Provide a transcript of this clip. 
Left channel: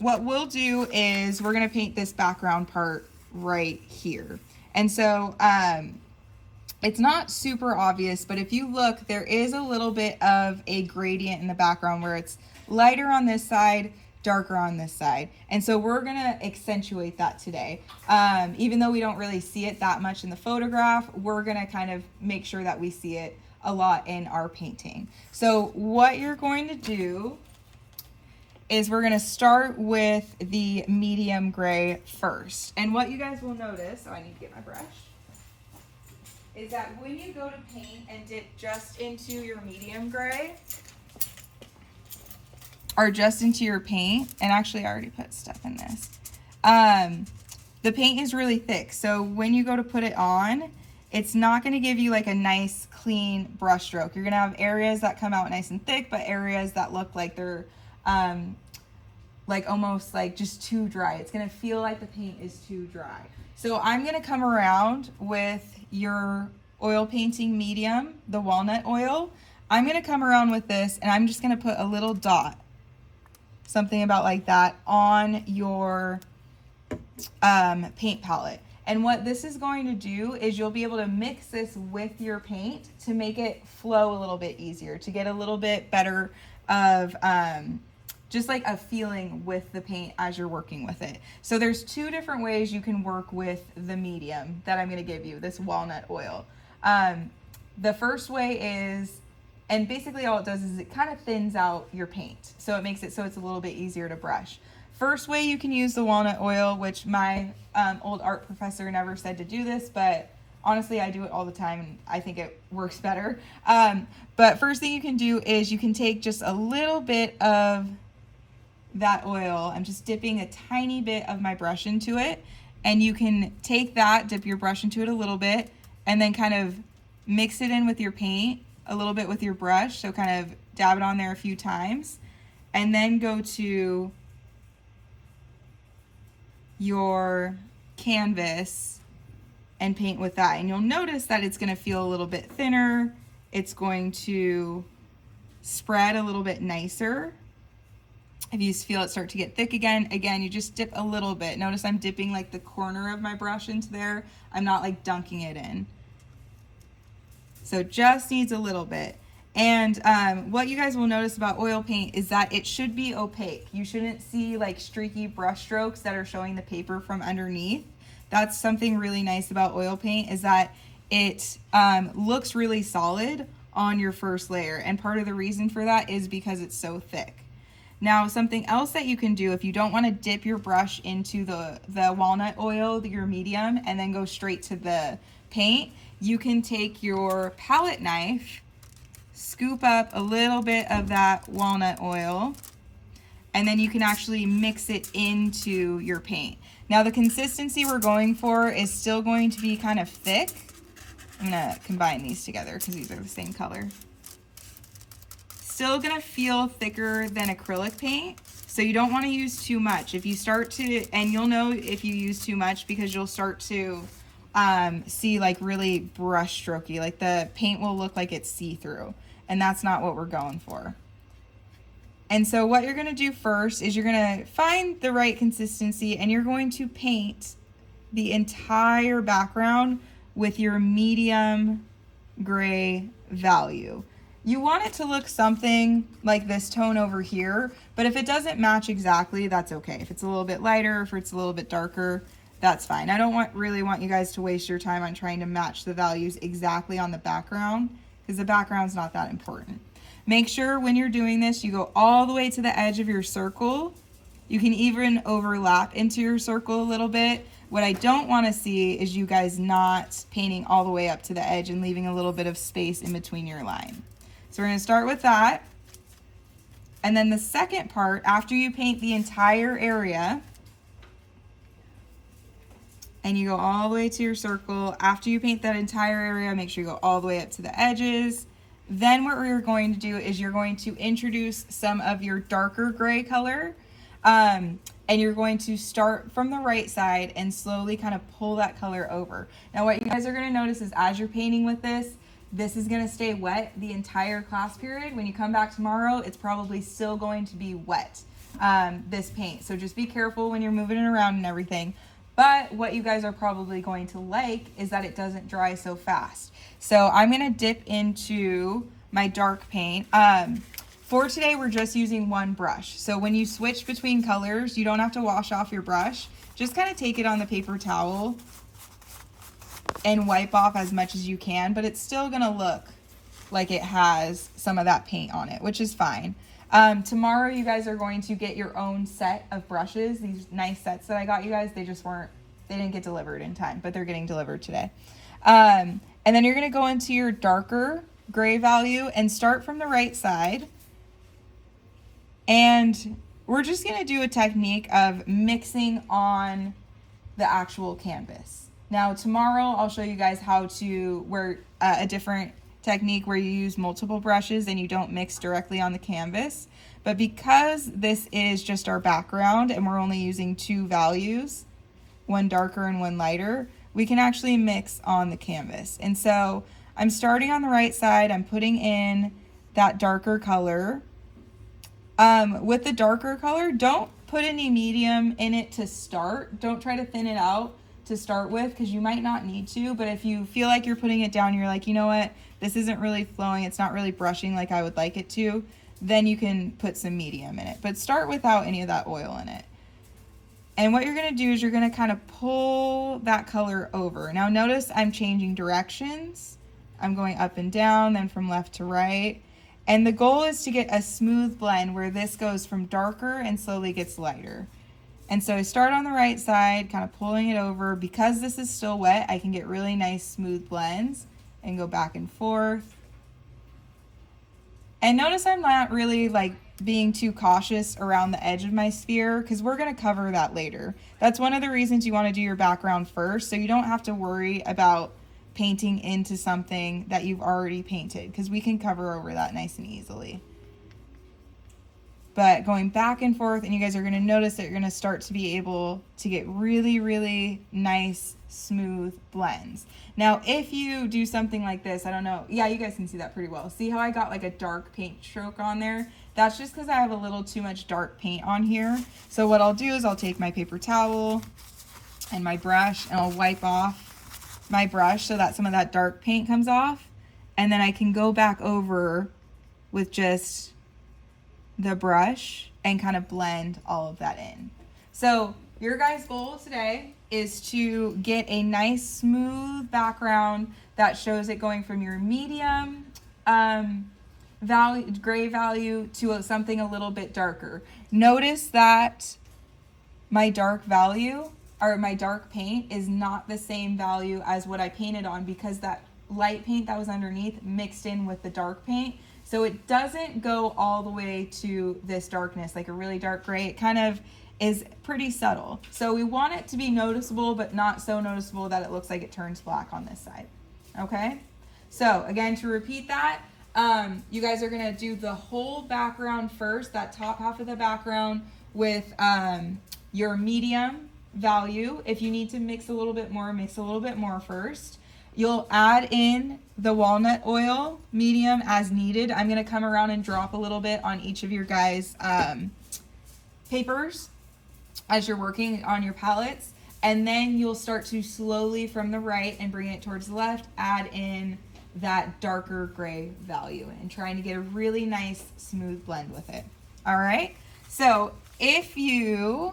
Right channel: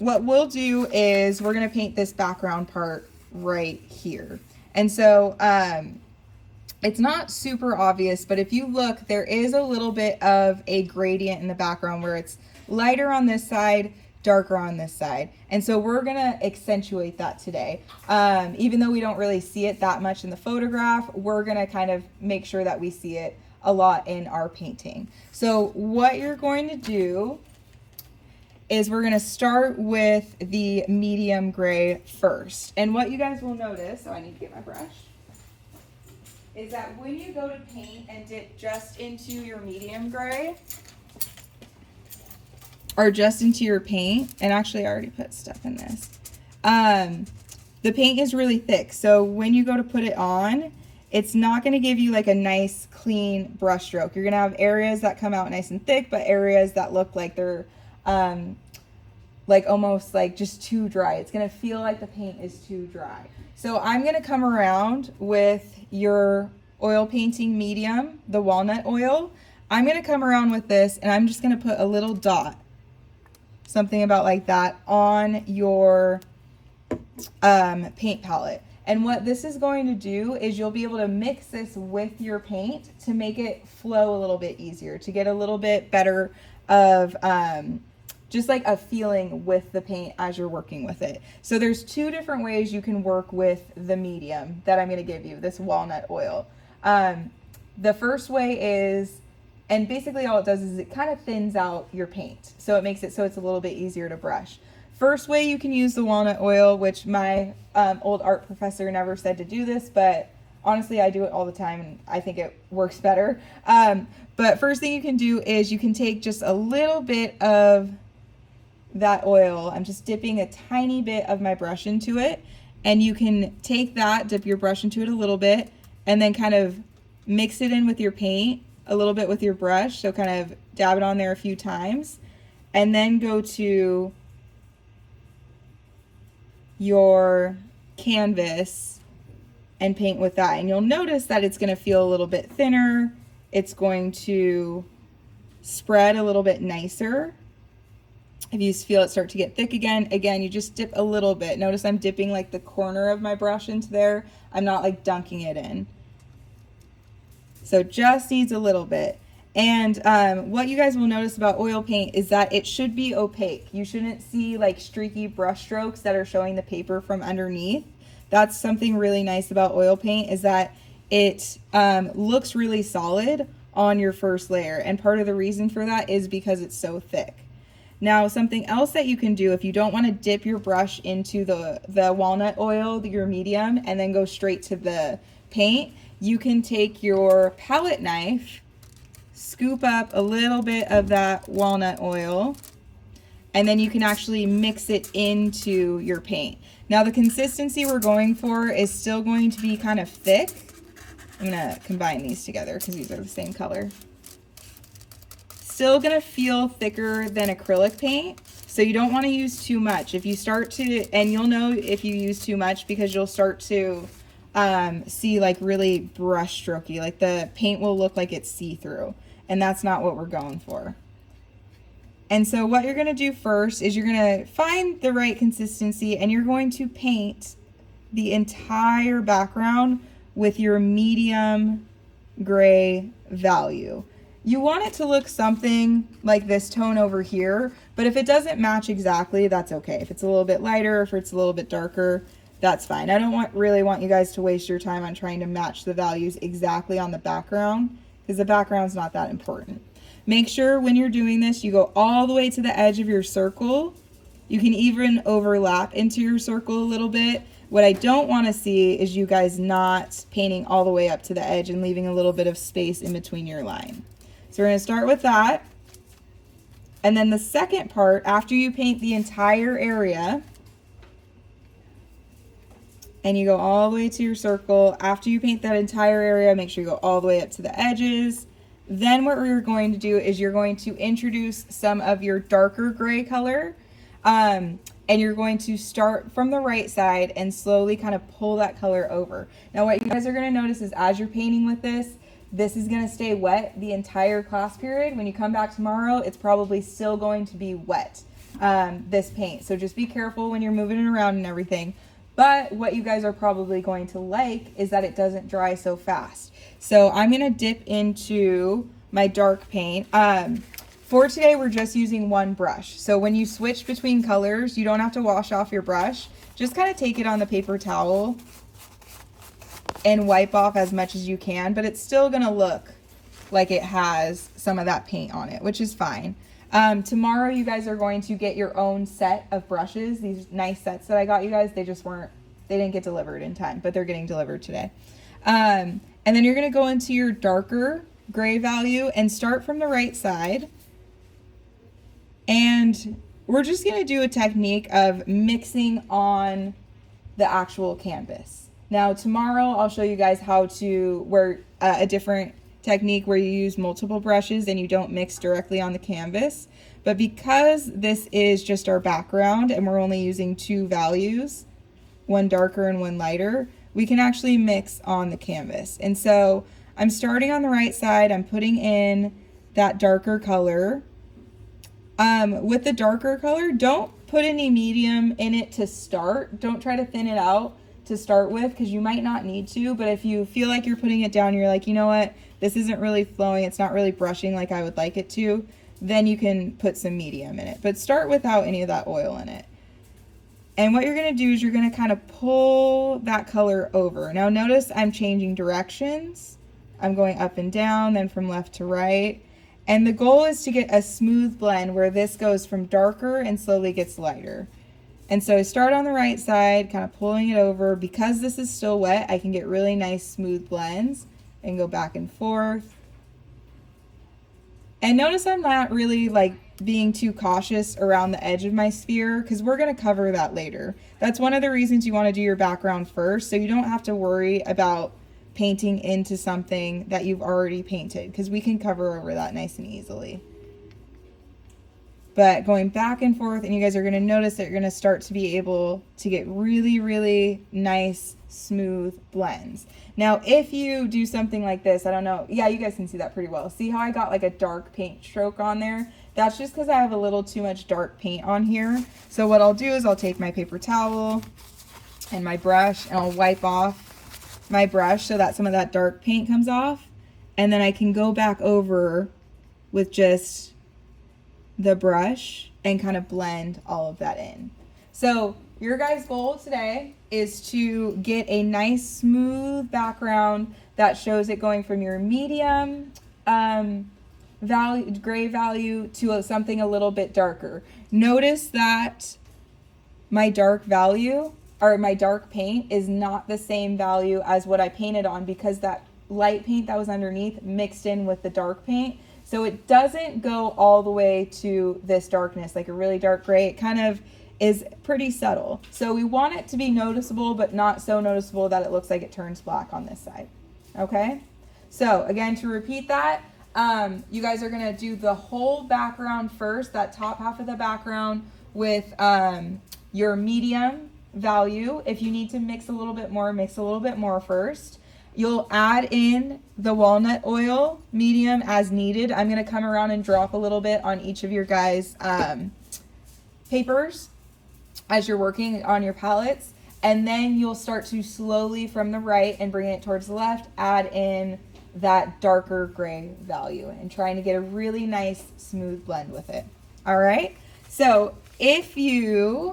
what we'll do is we're going to paint this background part right here. And so it's not super obvious, but if you look, there is a little bit of a gradient in the background where it's lighter on this side, darker on this side. And so we're gonna accentuate that today. Even though we don't really see it that much in the photograph, we're gonna kind of make sure that we see it a lot in our painting. So what you're going to do is we're gonna start with the medium gray first. And what you guys will notice, so I need to get my brush, is that when you go to paint and dip just into your medium gray, or just into your paint, and actually I already put stuff in this, the paint is really thick. So when you go to put it on, it's not gonna give you like a nice clean brush stroke. You're gonna have areas that come out nice and thick, but areas that look like they're like almost like just too dry. It's gonna feel like the paint is too dry. So I'm gonna come around with your oil painting medium, the walnut oil. I'm gonna come around with this and I'm just gonna put a little dot, something about like that, on your paint palette. And what this is going to do is you'll be able to mix this with your paint to make it flow a little bit easier, to get a little bit better of just like a feeling with the paint as you're working with it. So there's two different ways you can work with the medium that I'm gonna give you, this walnut oil. The first way is, and basically all it does is it kind of thins out your paint. So it makes it so it's a little bit easier to brush. First way you can use the walnut oil, which my old art professor never said to do this, but honestly I do it all the time and I think it works better. But first thing you can do is you can take just a little bit of that oil. I'm just dipping a tiny bit of my brush into it, and you can take that, dip your brush into it a little bit, and then kind of mix it in with your paint a little bit with your brush. So kind of dab it on there a few times, and then go to your canvas and paint with that. And you'll notice that it's going to feel a little bit thinner. It's going to spread a little bit nicer. If you feel it start to get thick again, you just dip a little bit. Notice I'm dipping like the corner of my brush into there. I'm not like dunking it in. So just needs a little bit. And what you guys will notice about oil paint is that it should be opaque. You shouldn't see like streaky brush strokes that are showing the paper from underneath. That's something really nice about oil paint, is that it looks really solid on your first layer. And part of the reason for that is because it's so thick. Now, something else that you can do if you don't want to dip your brush into the walnut oil, your medium, and then go straight to the paint, you can take your palette knife, scoop up a little bit of that walnut oil, and then you can actually mix it into your paint. Now, the consistency we're going for is still going to be kind of thick. I'm going to combine these together because these are the same color. Still gonna feel thicker than acrylic paint, so you don't want to use too much. If you start to, and you'll know if you use too much because you'll start to see like really brush strokey, like the paint will look like it's see-through, and that's not what we're going for. And so what you're gonna do first is you're gonna find the right consistency, and you're going to paint the entire background with your medium gray value. You want it to look something like this tone over here, but if it doesn't match exactly, that's okay. If it's a little bit lighter, if it's a little bit darker, that's fine. I don't really want you guys to waste your time on trying to match the values exactly on the background, because the background's not that important. Make sure when you're doing this, you go all the way to the edge of your circle. You can even overlap into your circle a little bit. What I don't want to see is you guys not painting all the way up to the edge and leaving a little bit of space in between your line. So we're going to start with that. And then the second part, after you paint the entire area, and you go all the way to your circle, after you paint that entire area, make sure you go all the way up to the edges. Then what we're going to do is you're going to introduce some of your darker gray color. And you're going to start from the right side and slowly kind of pull that color over. Now what you guys are going to notice is as you're painting with this is going to stay wet the entire class period. When you come back tomorrow, it's probably still going to be wet. this paint. So just be careful when you're moving it around and everything. But what you guys are probably going to like is that it doesn't dry so fast. So I'm gonna dip into my dark paint. For today, we're just using one brush. So when you switch between colors, you don't have to wash off your brush. Just kind of take it on the paper towel and wipe off as much as you can, but it's still gonna look like it has some of that paint on it, which is fine. Tomorrow you guys are going to get your own set of brushes. These nice sets that I got you guys, they didn't get delivered in time, but they're getting delivered today. And then you're gonna go into your darker gray value and start from the right side. And we're just gonna do a technique of mixing on the actual canvas. Now tomorrow I'll show you guys how to a different technique where you use multiple brushes and you don't mix directly on the canvas. But because this is just our background and we're only using two values, one darker and one lighter, we can actually mix on the canvas. And so I'm starting on the right side, I'm putting in that darker color. With the darker color, don't put any medium in it to start. Don't try to thin it out to start with, because you might not need to, but if you feel like you're putting it down, you're like, you know what, this isn't really flowing, it's not really brushing like I would like it to, then you can put some medium in it. But start without any of that oil in it. And what you're gonna do is you're gonna kind of pull that color over. Now notice I'm changing directions. I'm going up and down, then from left to right. And the goal is to get a smooth blend where this goes from darker and slowly gets lighter. And so I start on the right side, kind of pulling it over. Because this is still wet, I can get really nice smooth blends and go back and forth. And notice I'm not really like being too cautious around the edge of my sphere, because we're gonna cover that later. That's one of the reasons you wanna do your background first, so you don't have to worry about painting into something that you've already painted, because we can cover over that nice and easily. But going back and forth, and you guys are going to notice that you're going to start to be able to get really, really nice, smooth blends. Now, if you do something like this, I don't know, yeah, you guys can see that pretty well. See how I got like a dark paint stroke on there? That's just because I have a little too much dark paint on here. So what I'll do is I'll take my paper towel and my brush, and I'll wipe off my brush so that some of that dark paint comes off. And then I can go back over with just the brush and kind of blend all of that in. So your guys' goal today is to get a nice smooth background that shows it going from your medium gray value to something a little bit darker. Notice that my dark value, or my dark paint, is not the same value as what I painted on, because that light paint that was underneath mixed in with the dark paint. So it doesn't go all the way to this darkness, like a really dark gray. It kind of is pretty subtle. So we want it to be noticeable, but not so noticeable that it looks like it turns black on this side. Okay? So again, to repeat that, you guys are gonna do the whole background first, that top half of the background, with your medium value. If you need to mix a little bit more first. You'll add in the walnut oil, medium, as needed. I'm gonna come around and drop a little bit on each of your guys' papers as you're working on your palettes. And then you'll start to slowly, from the right and bring it towards the left, add in that darker gray value and trying to get a really nice smooth blend with it. All right, so if you